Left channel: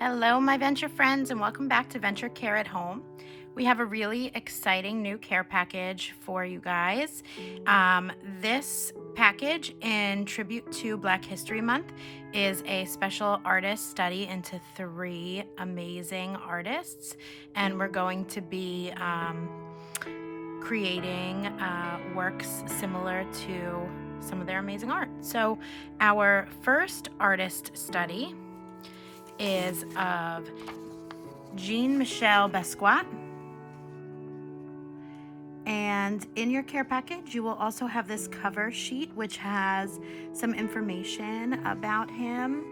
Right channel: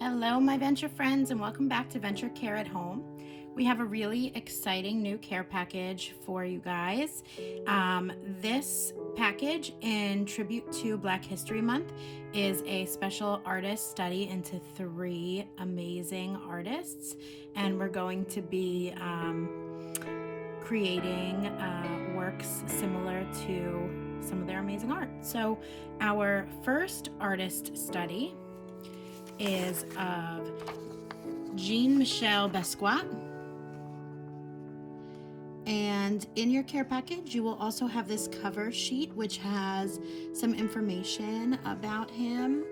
Hello, my venture friends, and welcome back to Venture Care at Home. We have a really exciting new care package for you guys. This package, in tribute to Black History Month, is a special artist study into 3 amazing artists, and we're going to be creating works similar to some of their amazing art. So our first artist study is of Michel Basquat. And in your care package, you will also have this cover sheet, which has some information about him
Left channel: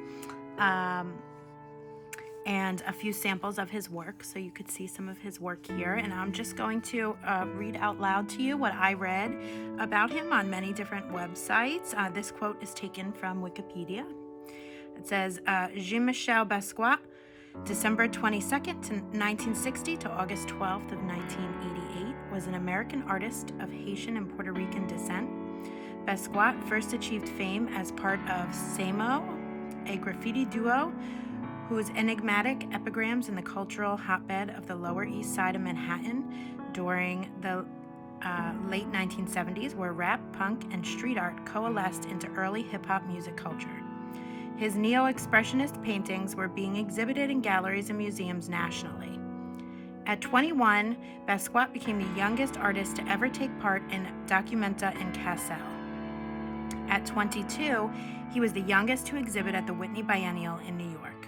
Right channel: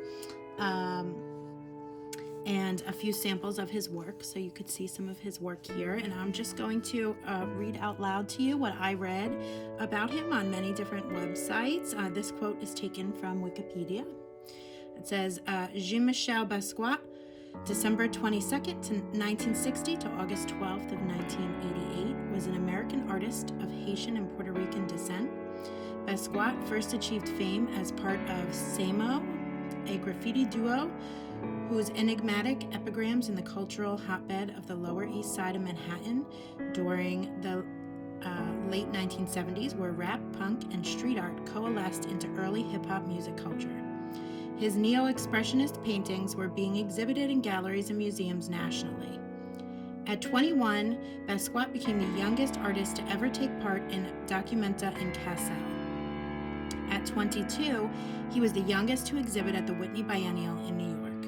and a few samples of his work. So you could see some of his work here. And I'm just going to read out loud to you what I read about him on many different websites. This quote is taken from Wikipedia. It says, Jean-Michel Basquat, December 22nd, 1960 to August 12th of 1988, was an American artist of Haitian and Puerto Rican descent. Basquat first achieved fame as part of Samo, a graffiti duo whose enigmatic epigrams in the cultural hotbed of the Lower East Side of Manhattan during the late 1970s, where rap, punk, and street art coalesced into early hip-hop music culture. His neo-expressionist paintings were being exhibited in galleries and museums nationally. At 21, Basquat became the youngest artist to ever take part in Documenta in Kassel. At 22, he was the youngest to exhibit at the Whitney Biennial in New York.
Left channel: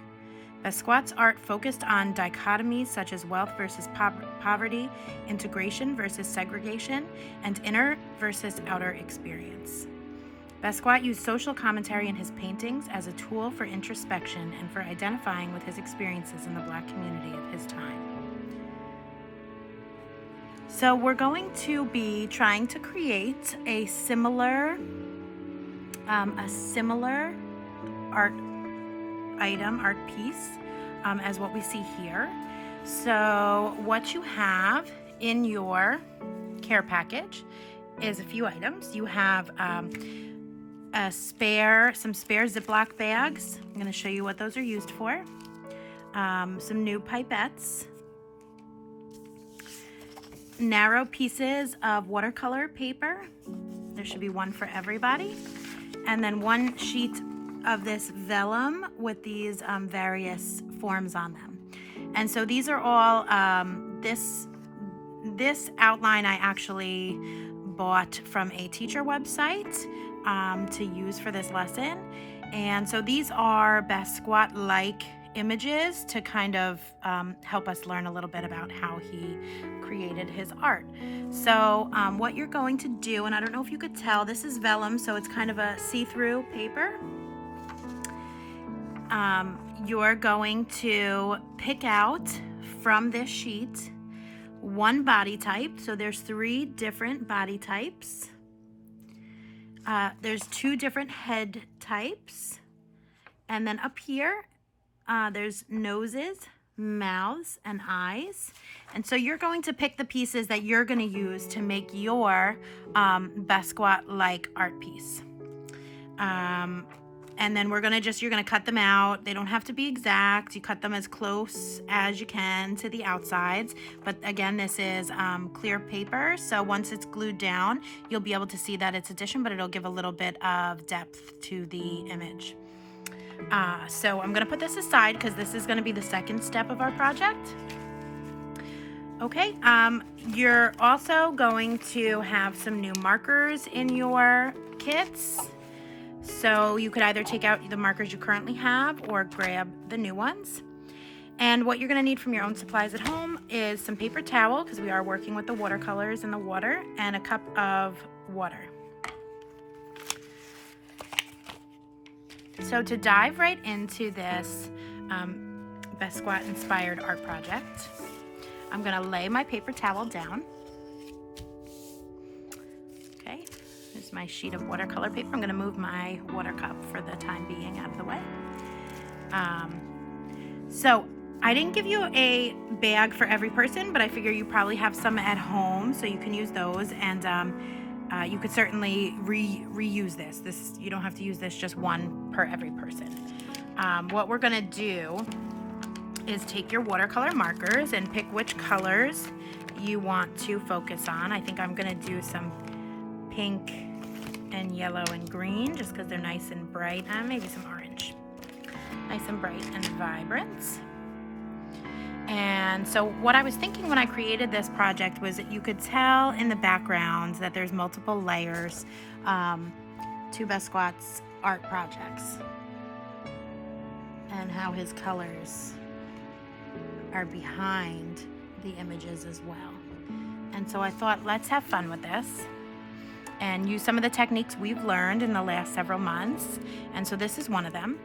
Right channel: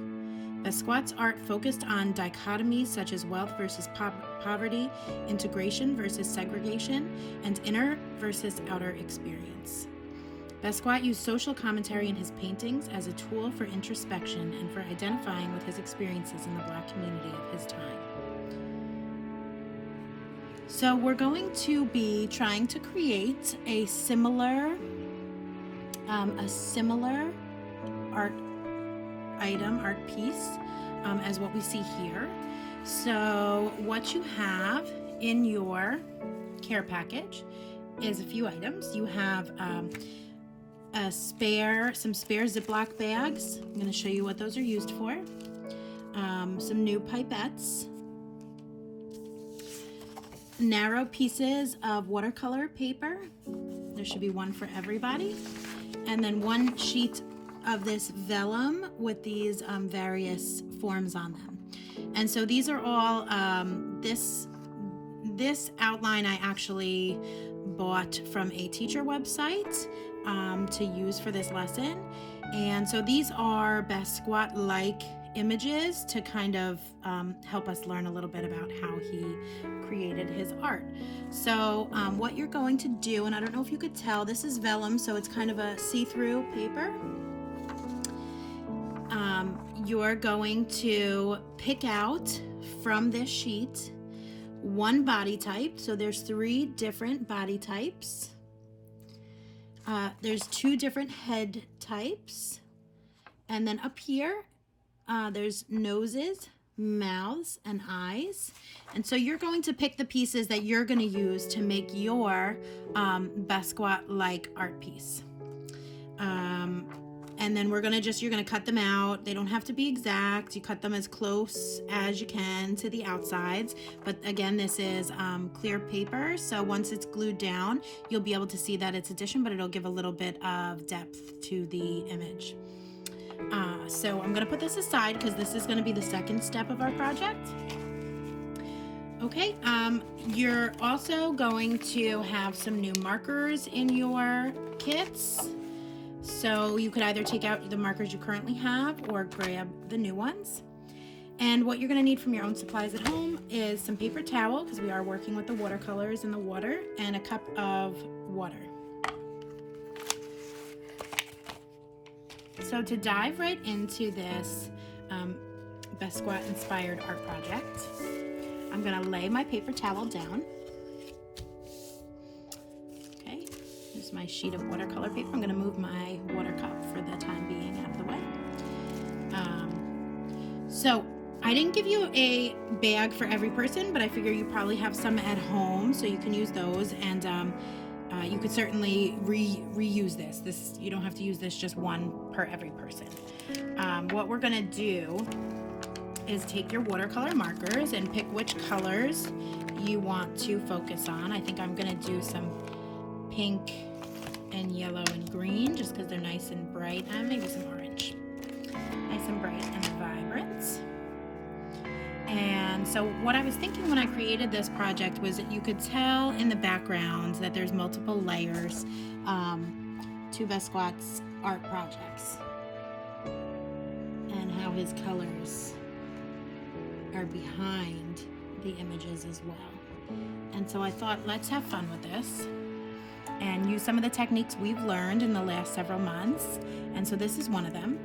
Basquat's art focused on dichotomies such as wealth versus poverty, integration versus segregation, and inner versus outer experience. Basquat used social commentary in his paintings as a tool for introspection and for identifying with his experiences in the Black community of his time. So we're going to be trying to create a similar art item, art piece, as what we see here. So what you have in your care package is a few items. You have some spare Ziploc bags. I'm going to show you what those are used for. Some new pipettes. Narrow pieces of watercolor paper. There should be one for everybody. And then one sheet of this vellum with these various forms on them. And so these are all, this outline I actually bought from a teacher website to use for this lesson. And so these are Basquat-like images to kind of help us learn a little bit about how he created his art. So what you're going to do, and I don't know if you could tell, this is vellum, so it's kind of a see-through paper. You're going to pick out from this sheet one body type. So there's 3 different body types. There's 2 different head types. And then up here, there's noses, mouths, and eyes. And so you're going to pick the pieces that you're going to use to make your Basquat-like art piece. And then you're gonna cut them out. They don't have to be exact. You cut them as close as you can to the outsides. But again, this is clear paper. So once it's glued down, you'll be able to see that it's addition, but it'll give a little bit of depth to the image. So I'm gonna put this aside because this is gonna be the second step of our project. Okay, you're also going to have some new markers in your kits. So you could either take out the markers you currently have or grab the new ones. And what you're going to need from your own supplies at home is some paper towel, because we are working with the watercolors in the water, and a cup of water. So to dive right into this Basquat-inspired art project, I'm going to lay my paper towel down. Okay. Here's my sheet of watercolor paper. I'm going to move my water cup for the time being out of the way. So I didn't give you a bag for every person, but I figure you probably have some at home, so you can use those. And you could certainly reuse this. You don't have to use this just one per every person. What we're going to do is take your watercolor markers and pick which colors you want to focus on. I think I'm gonna do some pink and yellow and green just because they're nice and bright, and maybe some orange. Nice and bright and vibrant. And so what I was thinking when I created this project was that you could tell in the background that there's multiple layers to Basquat's art projects, and how his colors are behind the images as well. And so I thought, let's have fun with this and use some of the techniques we've learned in the last several months. And so this is one of them.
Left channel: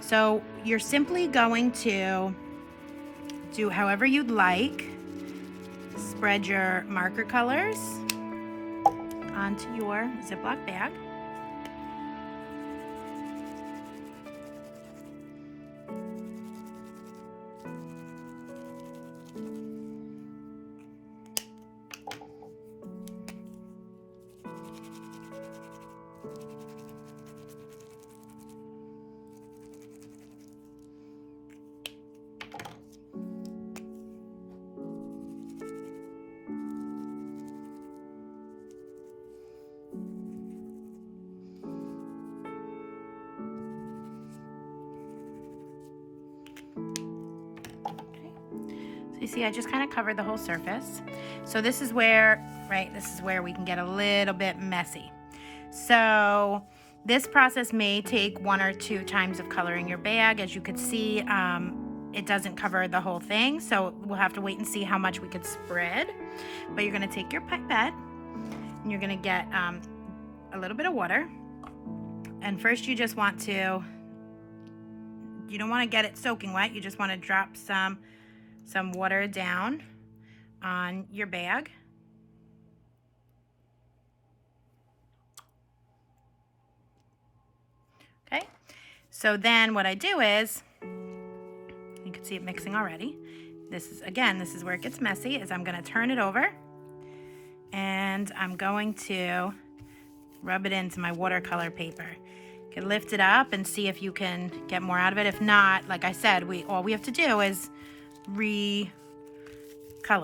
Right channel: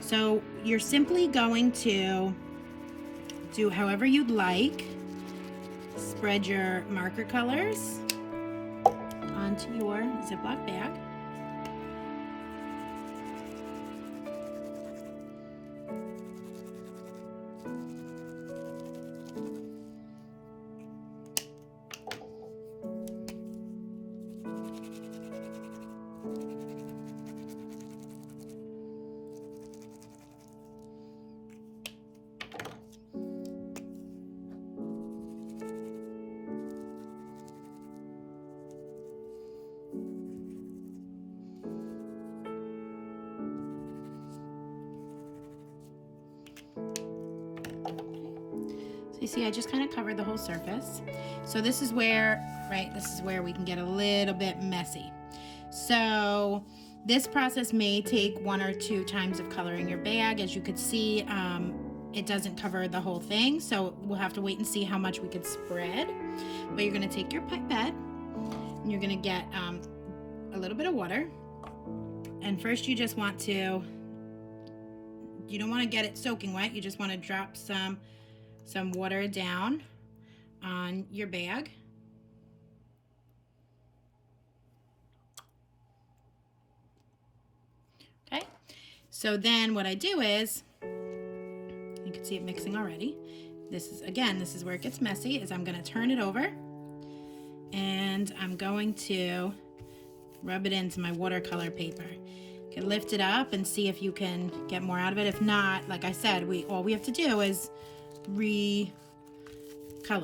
So you're simply going to do however you'd like. Spread your marker colors onto your Ziploc bag. So you see, I just kind of covered the whole surface. So this is where, this is where we can get a little bit messy. So this process may take 1 or 2 times of coloring your bag. As you could see, it doesn't cover the whole thing, so we'll have to wait and see how much we could spread. But you're gonna take your pipette and you're gonna get a little bit of water. And first you just want to, you don't wanna get it soaking wet, you just wanna drop some water down on your bag. Okay, so then what I do is, you can see it mixing already. This is where it gets messy, is I'm gonna turn it over and I'm going to rub it into my watercolor paper. You can lift it up and see if you can get more out of it. If not, like I said, all we have to do is recolor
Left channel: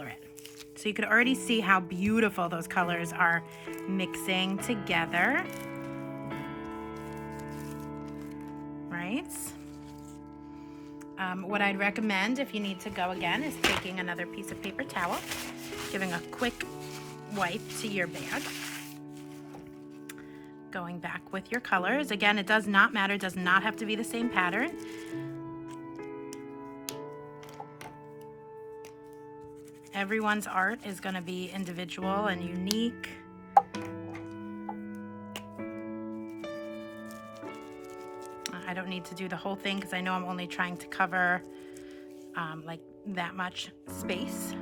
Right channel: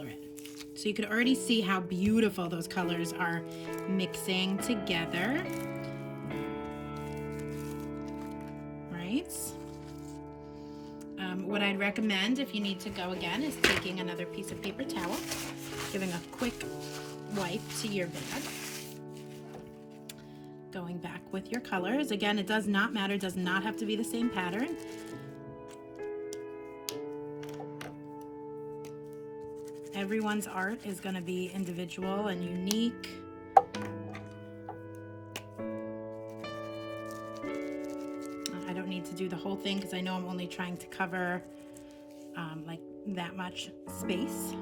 it. So you could already see how beautiful those colors are mixing together, right? What I'd recommend, if you need to go again, is taking another piece of paper towel, giving a quick wipe to your bag, going back with your colors. Again, it does not matter, it does not have to be the same pattern. Everyone's art is going to be individual and unique. I don't need to do the whole thing because I know I'm only trying to cover like that much space.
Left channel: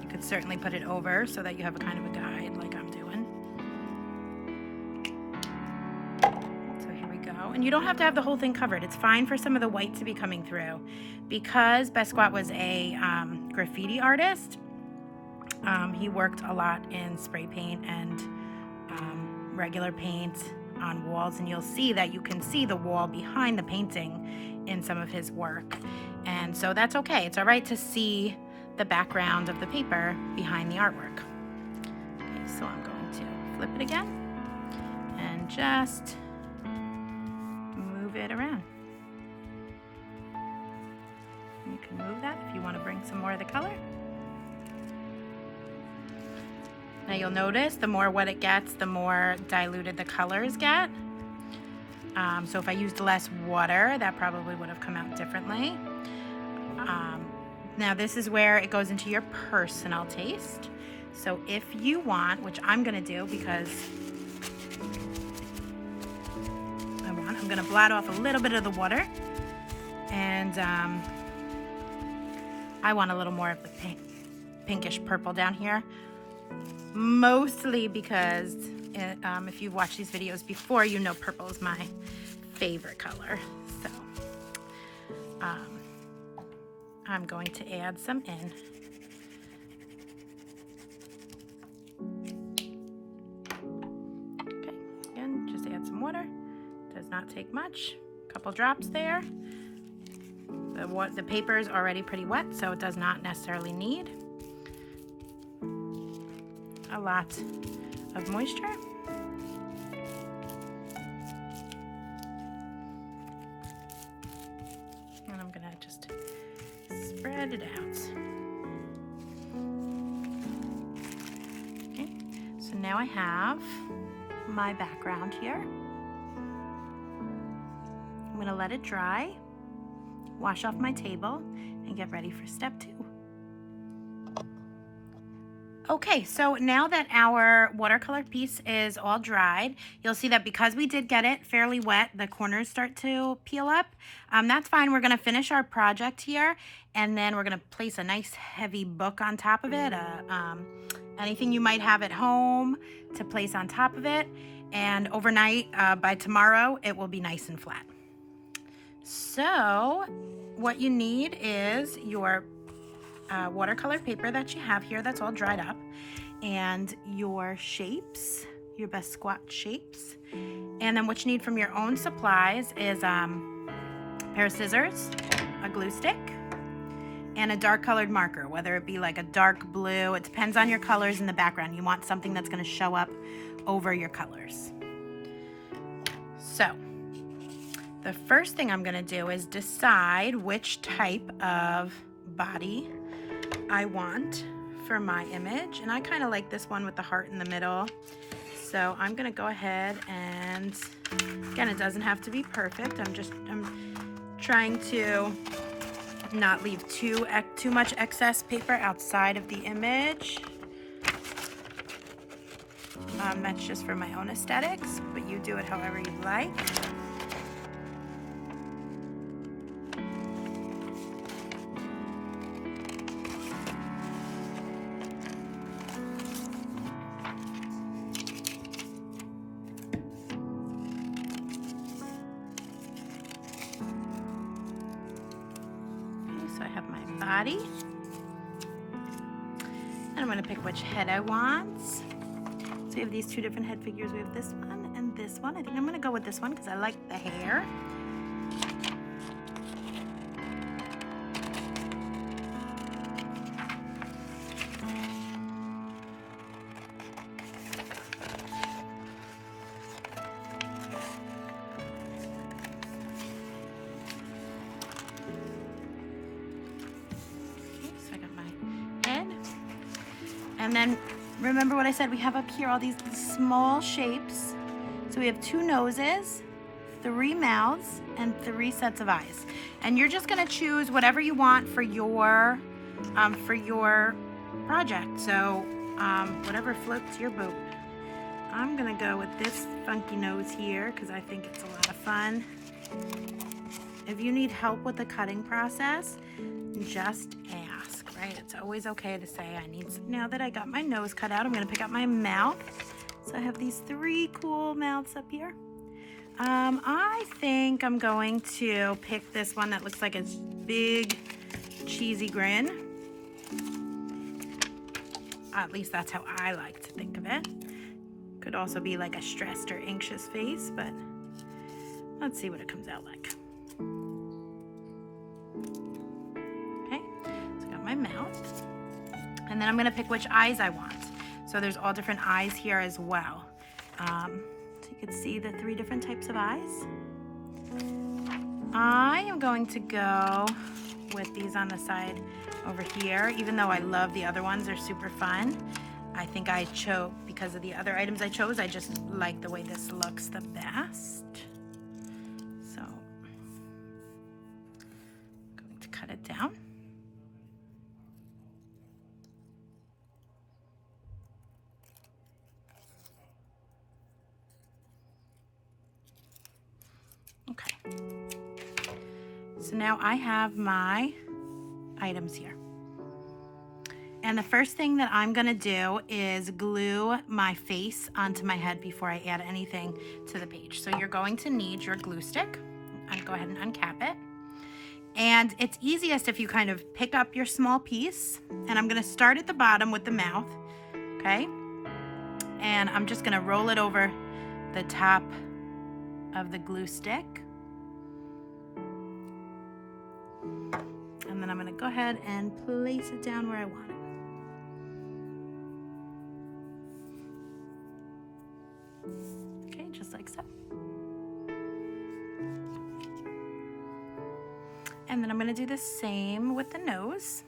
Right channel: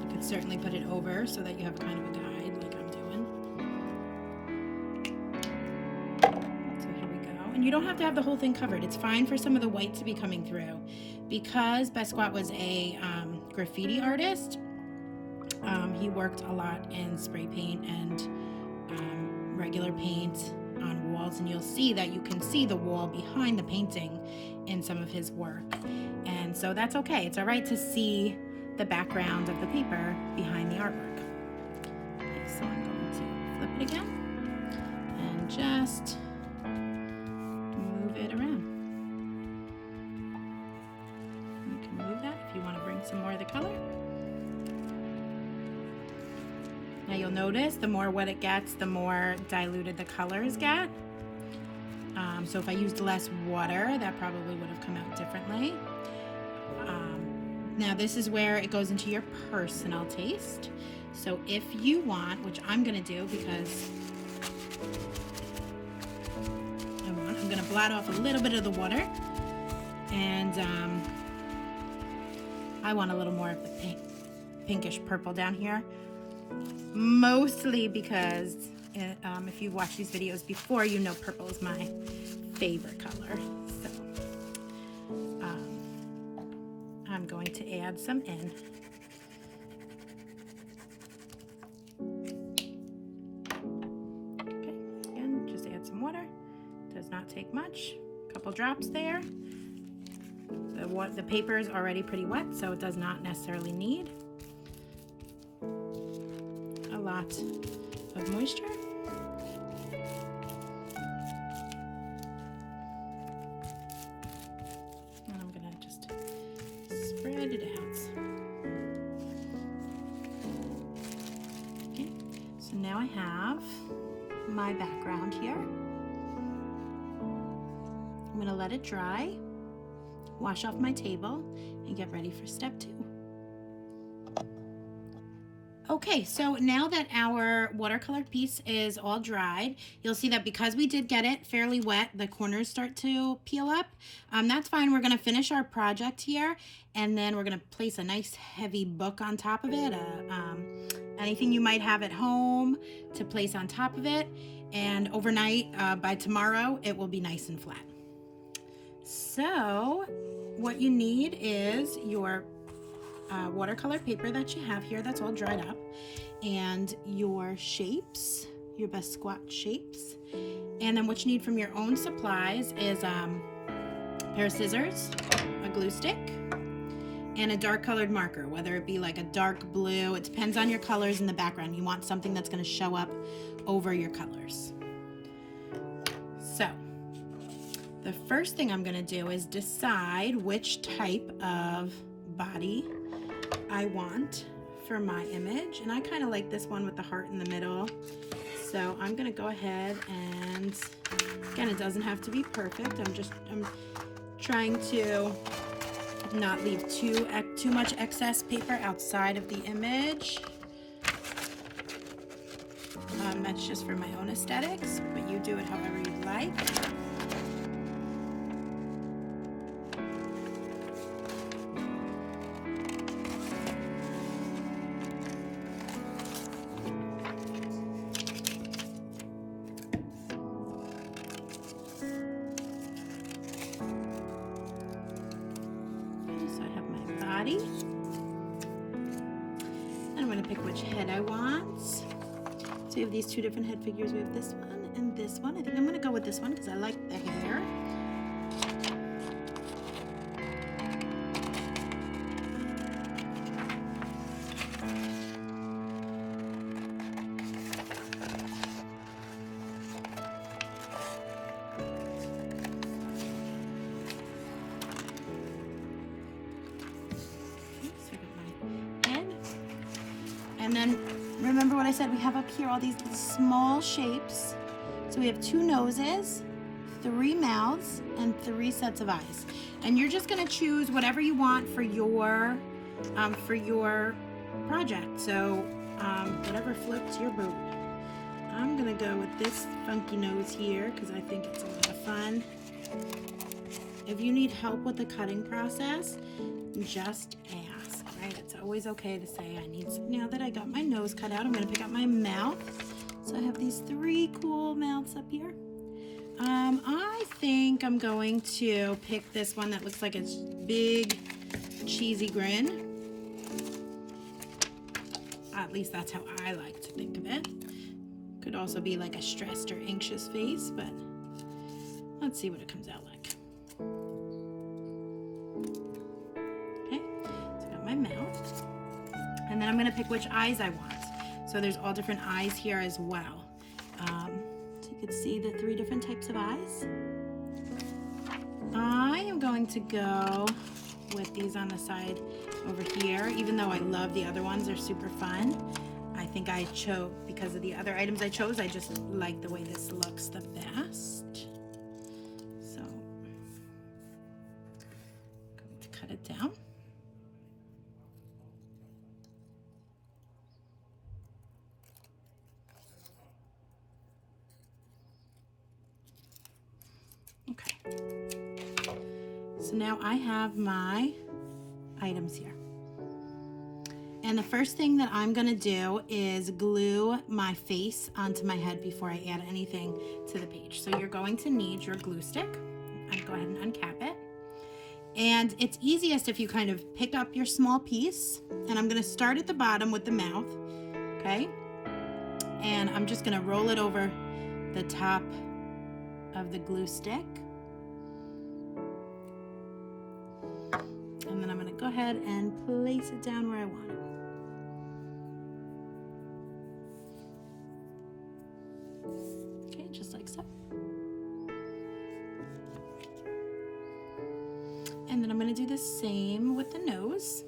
You could certainly put it over so that you have a kind of a guide like I'm doing. So here we go. And you don't have to have the whole thing covered. It's fine for some of the white to be coming through. Because Basquat was a graffiti artist, he worked a lot in spray paint and regular paint on walls, and you'll see that you can see the wall behind the painting in some of his work. And so that's okay. It's all right to see the background of the paper behind the artwork. Okay, so I'm going to flip it again and just move it around. You can move that if you want to bring some more of the color. Now you'll notice the more wet it gets, the more diluted the colors get. So if I used less water, that probably would have come out differently. Now this is where it goes into your personal taste. So if you want, which I'm gonna do because I'm gonna blot off a little bit of the water, and I want a little more of the pinkish purple down here. Mostly because if you've watched these videos before, you know purple is my favorite color. So I'm going to add some in. Okay, again, just add some water. Does not take much. Couple drops there. The paper is already pretty wet, so it does not necessarily need a lot of moisture. And I'm gonna just spread it out. Okay, so now I have my background here. I'm gonna let it dry, wash off my table, and get ready for step 2. Okay, so now that our watercolor piece is all dried, you'll see that because we did get it fairly wet, the corners start to peel up. That's fine. We're gonna finish our project here, and then we're gonna place a nice heavy book on top of it, anything you might have at home to place on top of it, and overnight, by tomorrow, it will be nice and flat. So what you need is your watercolor paper that you have here that's all dried up, and your shapes, your Basquat shapes. And then what you need from your own supplies is a pair of scissors, a glue stick, and a dark colored marker, whether it be like a dark blue. It depends on your colors in the background. You want something that's going to show up over your colors. So the first thing I'm going to do is decide which type of body I want for my image, and I kind of like this one with the heart in the middle, so I'm gonna go ahead and, again, it doesn't have to be perfect. I'm trying to not leave too much excess paper outside of the image. That's just for my own aesthetics, but you do it however you like. So I have my body, and I'm going to pick which head I want. So we have these 2 different head figures. We have this one and this one. I think I'm going to go with this one because I like the hair. And then remember what I said, we have up here all these small shapes. So we have 2 noses, 3 mouths, and 3 sets of eyes. And you're just gonna choose whatever you want for your project. So whatever floats your boat. I'm gonna go with this funky nose here because I think it's a lot of fun. If you need help with the cutting process, just ask, right? It's always okay to say, now that I got my nose cut out, I'm gonna pick out my mouth. So I have these 3 cool mouths up here. I think I'm going to pick this one that looks like it's big, cheesy grin. At least that's how I like to think of it. Could also be like a stressed or anxious face, but let's see what it comes out like. Okay, so I got my mouth. And then I'm gonna pick which eyes I want. So there's all different eyes here as well. So you can see the 3 different types of eyes. I am going to go with these on the side over here, even though I love the other ones, they're super fun. I think I chose, because of the other items I chose, I just like the way this looks the best. So I'm going to cut it down. Okay. So now I have my items here. And the first thing that I'm gonna do is glue my face onto my head before I add anything to the page. So you're going to need your glue stick. I'll go ahead and uncap it. And it's easiest if you kind of pick up your small piece, and I'm gonna start at the bottom with the mouth, okay? And I'm just gonna roll it over the top of the glue stick. go ahead and place it down where I want it. Okay, just like so. And then I'm going to do the same with the nose.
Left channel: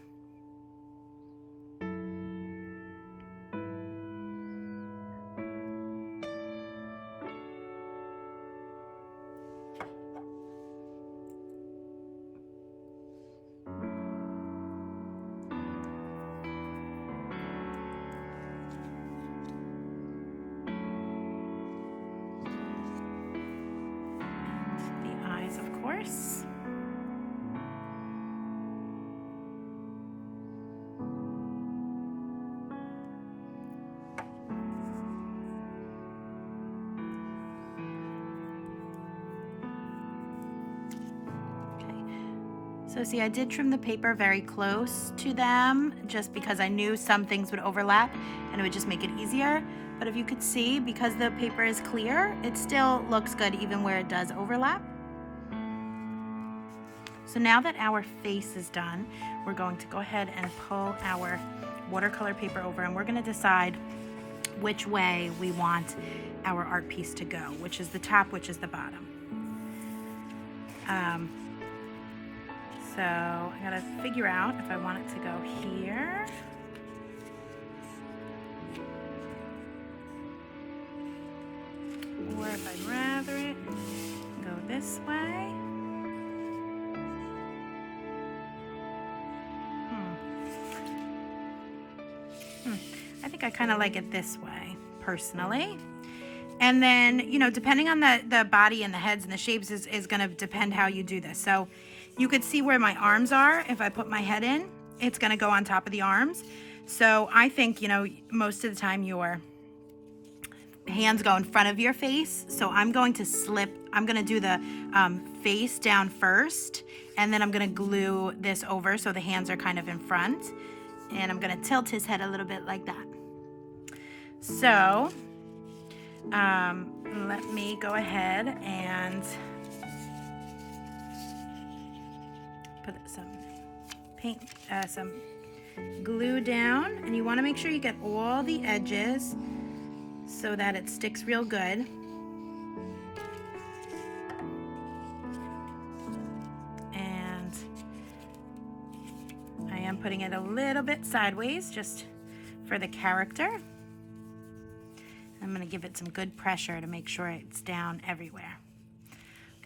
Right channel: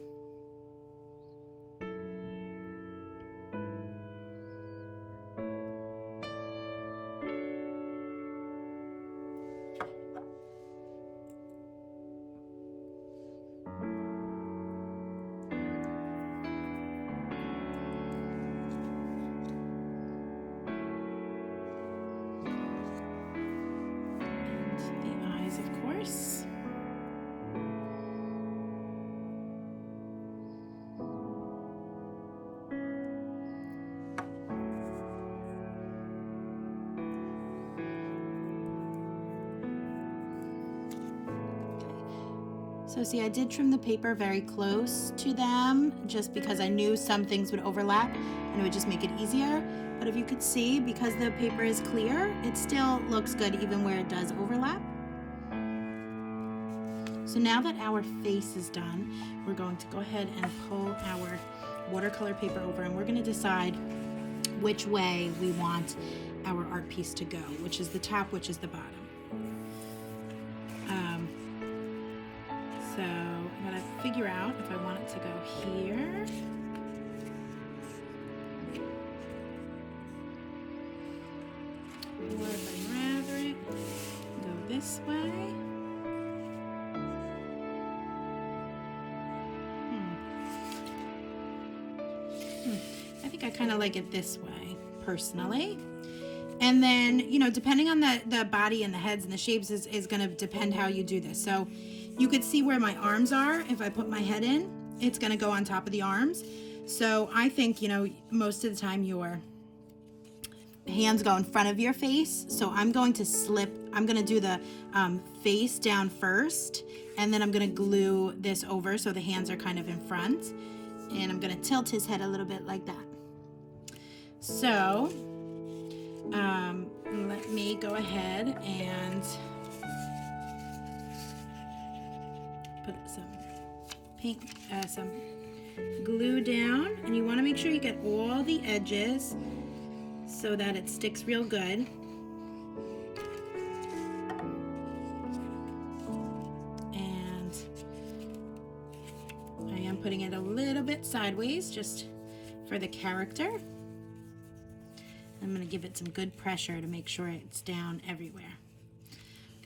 And the eyes, of course. So see, I did trim the paper very close to them just because I knew some things would overlap and it would just make it easier. But if you could see, because the paper is clear, it still looks good even where it does overlap. So now that our face is done, we're going to go ahead and pull our watercolor paper over, and we're going to decide which way we want our art piece to go, which is the top, which is the bottom. So I gotta figure out if I want it to go here or if I'd rather it go this way. I think I kind of like it this way personally. And then, you know, depending on the body and the heads and the shapes is going to depend how you do this. So you could see where my arms are. If I put my head in, it's going to go on top of the arms. So I think, you know, most of the time your hands go in front of your face. So I'm going to do the face down first, and then I'm going to glue this over so the hands are kind of in front. And I'm going to tilt his head a little bit like that. So let me go ahead and put some paint, some glue down, and you want to make sure you get all the edges so that it sticks real good. And I am putting it a little bit sideways just for the character. I'm going to give it some good pressure to make sure it's down everywhere.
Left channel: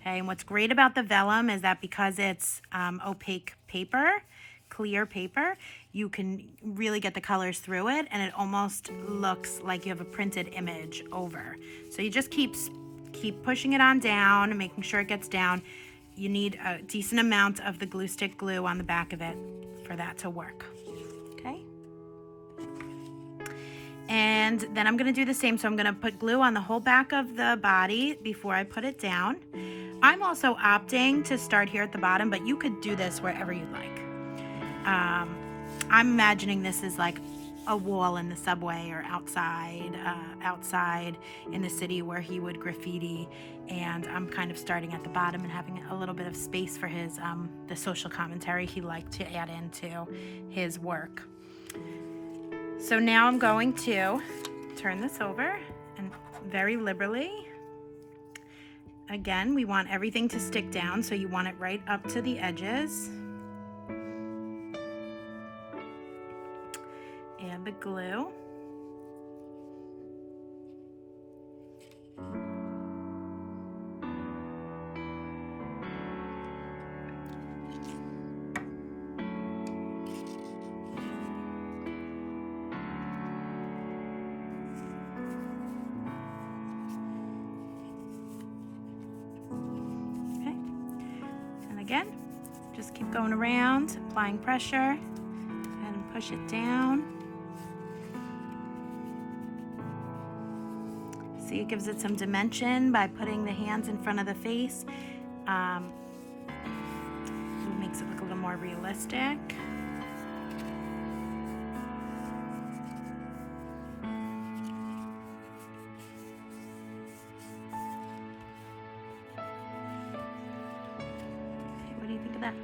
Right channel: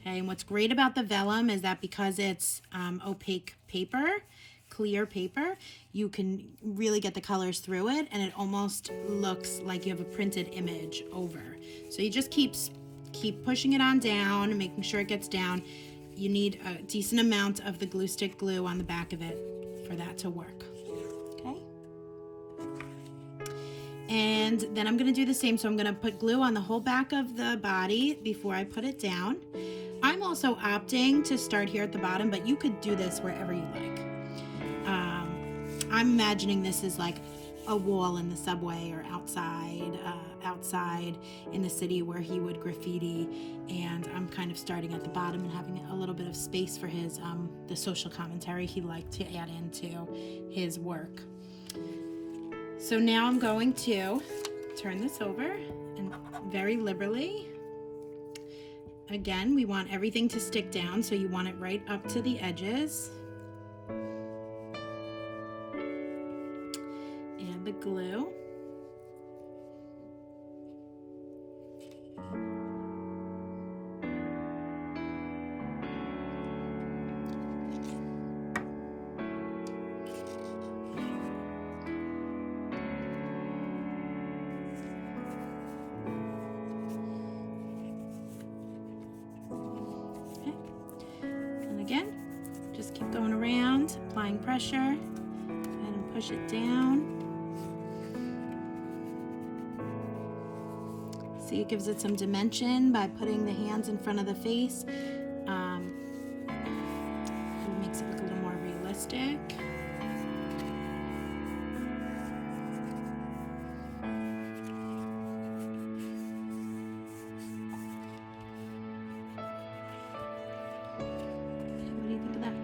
Okay, and what's great about the vellum is that because it's opaque paper, clear paper, you can really get the colors through it, and it almost looks like you have a printed image over. So you just keep pushing it on down, making sure it gets down. You need a decent amount of the glue stick glue on the back of it for that to work. Okay. And then I'm going to do the same. So I'm going to put glue on the whole back of the body before I put it down. I'm also opting to start here at the bottom, but you could do this wherever you like. I'm imagining this is like a wall in the subway or outside in the city where he would graffiti, and I'm kind of starting at the bottom and having a little bit of space for his the social commentary he liked to add into his work. So now I'm going to turn this over, and very liberally, again, we want everything to stick down, so you want it right up to the edges. Add the glue. Again, just keep going around, applying pressure, and push it down. See, it gives it some dimension by putting the hands in front of the face. It makes it look a little more realistic. What do you think of that?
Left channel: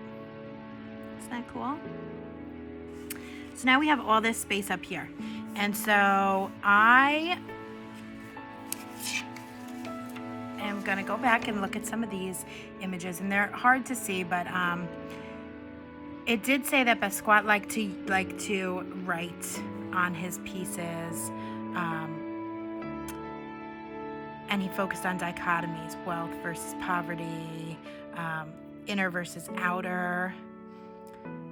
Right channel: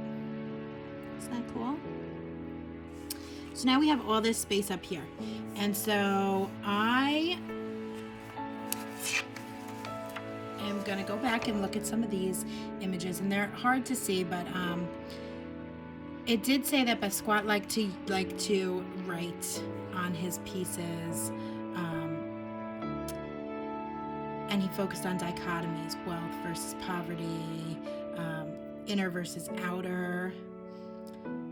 Isn't that cool? So now we have all this space up here. And so I am going to go back and look at some of these images, and they're hard to see, but it did say that Basquat liked to write on his pieces, and he focused on dichotomies, wealth versus poverty, inner versus outer.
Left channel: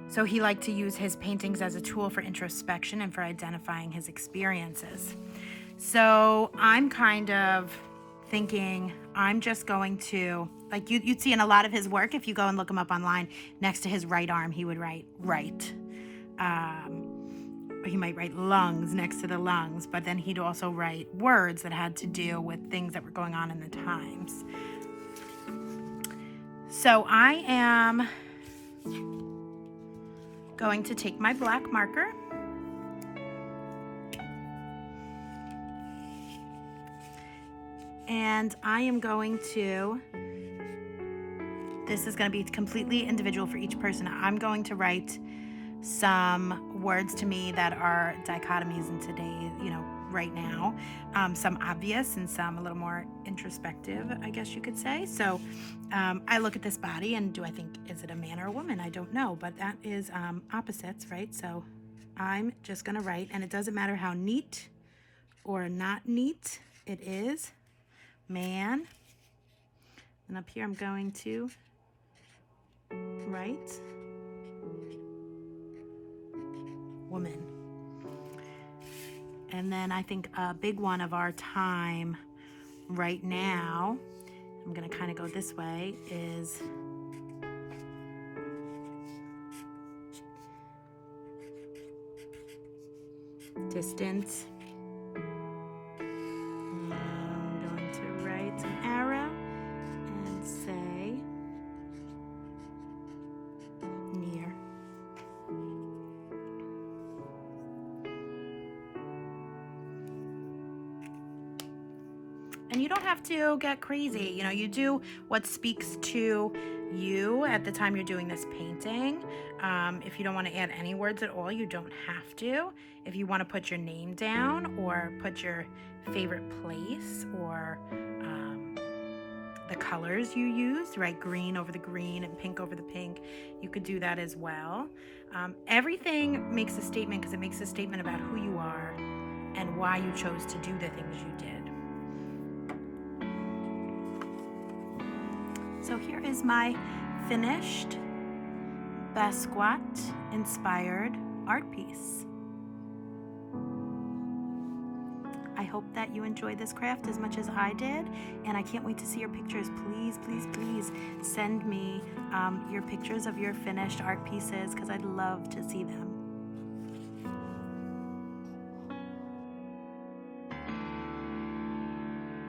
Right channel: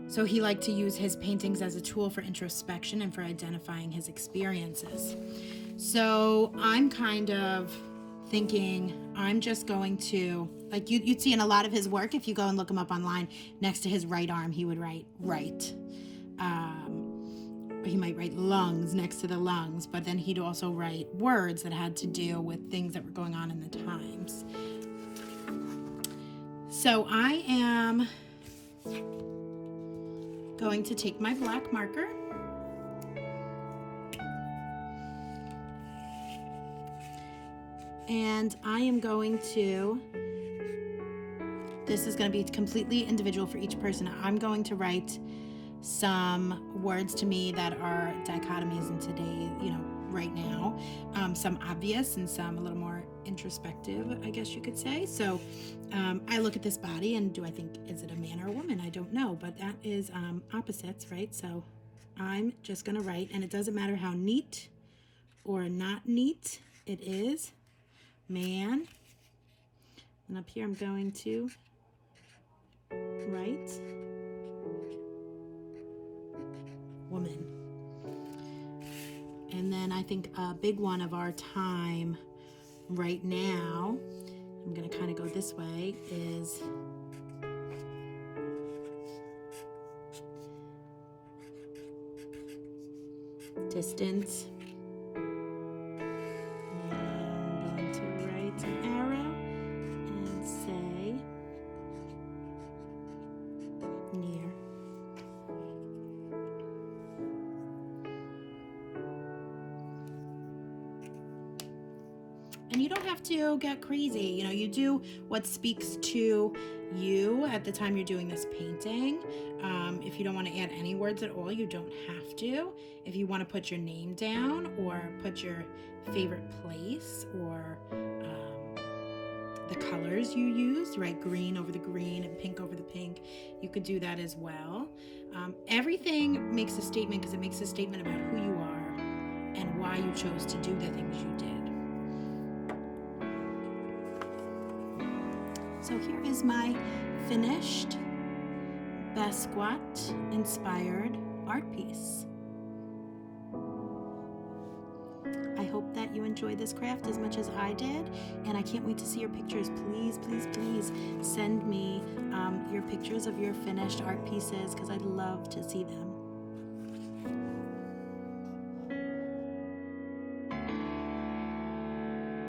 So he liked to use his paintings as a tool for introspection and for identifying his experiences. So I'm kind of thinking I'm just going to, like you'd see in a lot of his work, if you go and look him up online, next to his right arm, he would write right. Or he might write lungs next to the lungs, but then he'd also write words that had to do with things that were going on in the times. So I am going to take my black marker and I am going to, this is going to be completely individual for each person. I'm going to write some words to me that are dichotomies in today, right now. Some obvious and some a little more introspective, I guess you could say. So I look at this body and do I think, is it a man or a woman? I don't know, but that is opposites, right? So I'm just going to write, and it doesn't matter how neat or not neat it is. Man. And up here I'm going to write woman. And then I think a big one of our time right now, I'm going to kind of go this way, is distance. And I'm going to write an arrow and say near. And you don't have to get crazy. You do what speaks to you at the time you're doing this painting. If you don't want to add any words at all, you don't have to. If you want to put your name down or put your favorite place or the colors you use, right? Green over the green and pink over the pink. You could do that as well. Everything makes a statement because it makes a statement about who you are and why you chose to do the things you did. So here is my finished Basquat inspired art piece. I hope that you enjoyed this craft as much as I did, and I can't wait to see your pictures. Please, please, please send me your pictures of your finished art pieces because I'd love to see them.